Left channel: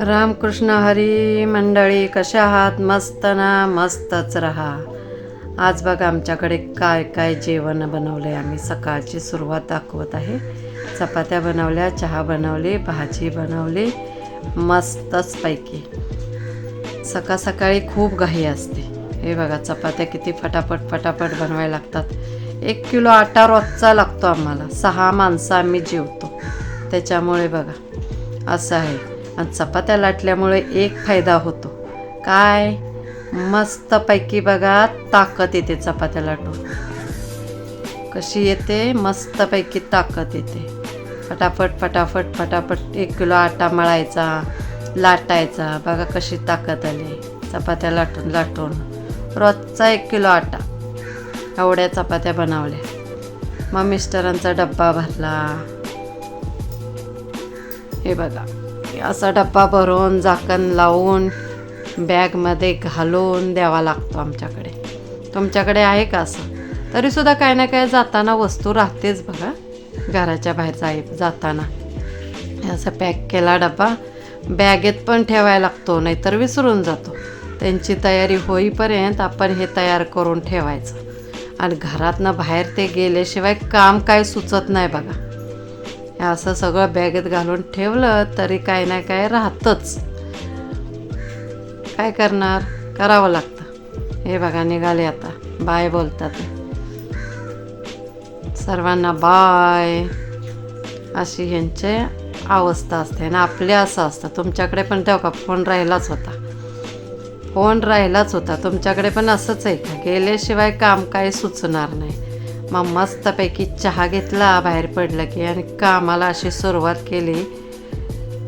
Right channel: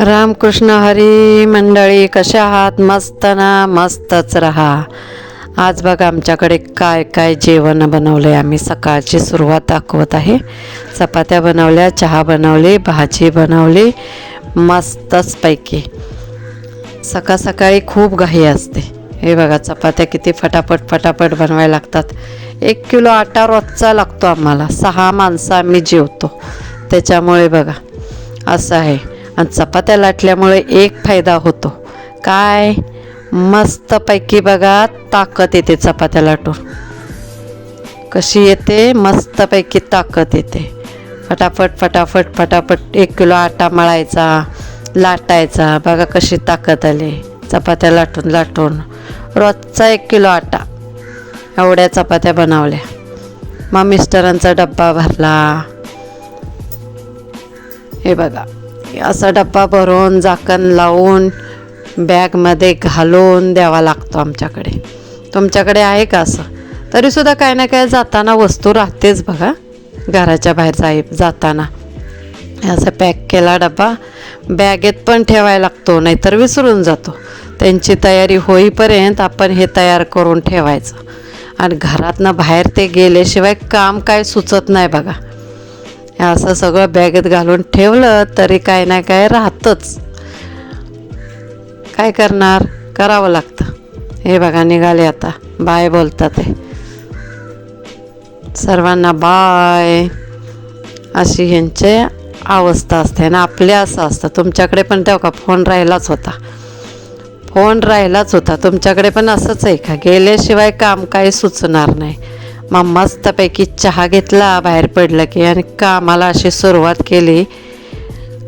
रामकृष्ण हरी मंडळी, कशा आहात? मस्त ना? मस्तच रहा. आज बघा आमच्याकडे काय काय जेवण बनवलं आहे. आम्ही सकाळची सुरुवात दाखवत आहे. चपात्या बनवल्या, चहा बनवली, भाजी बनवली मस्तच पैकी. सकाळ सकाळी खूप घाई असते. हे बघा चपात्या किती फटाफट फटाफट बनवायला लागतात. 1 किलो आटा रोजचा लागतो आम्हाला. 6 माणसं आम्ही जेवतो, त्याच्यामुळे बघा असं आहे. आणि चपात्या लाटल्यामुळे एक फायदा होतो, काय? मस्तपैकी बघा ताकद येते. चपात्या लाटून कशी येते? मस्तपैकी ताकद येते. फटाफट फटाफट फटाफट 1 किलो आटा मळायचा, लाटायचा. बघा कशी ताकद आली चपात्या लाटून लाटून. रोजचा 1 किलो आटा, एवढ्या चपात्या बनवल्या. मग मिस्टरांचा डब्बा भरला. हे बघा असा डब्बा भरून झाकण लावून बॅगमध्ये घालून द्यावा लागतो आमच्याकडे. तुमच्याकडे आहे का असं? तरीसुद्धा काय ना काय जाताना वस्तू राहतेच बघा. घराच्या बाहेर जाताना असं पॅक केला डबा बॅगेत पण ठेवायला लागतो, नाहीतर विसरून जातो. त्यांची तयारी होईपर्यंत आपण हे तयार करून ठेवायचं. आणि घरातनं बाहेर ते गेल्याशिवाय काम काय सुचत नाही बघा. असं सगळं बॅगेत घालून ठेवलं तरी काय ना काय राहतंच. काय करणार? करावं लागतं. हे बघा निघाले आता. बाय बोलतात ते. सर्वांना बाय, अशी ह्यांची अवस्था असते. आणि आपले असं असतं. तुमच्याकडे पण तेव्हा का फोन राहिलाच होता. तुमच्याकडे पण असंच आहे का? गेल्याशिवाय काम काही सुचणार नाही. मग मस्तपैकी चहा घेतला बाहेर पडलं की, आणि कामाला अशी सुरुवात केली.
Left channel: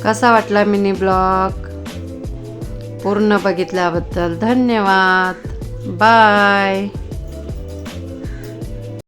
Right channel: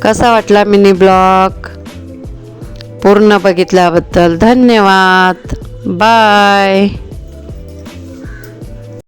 कसा वाटला मिनी ब्लॉग? पूर्ण बघितल्याबद्दल धन्यवाद. बाय.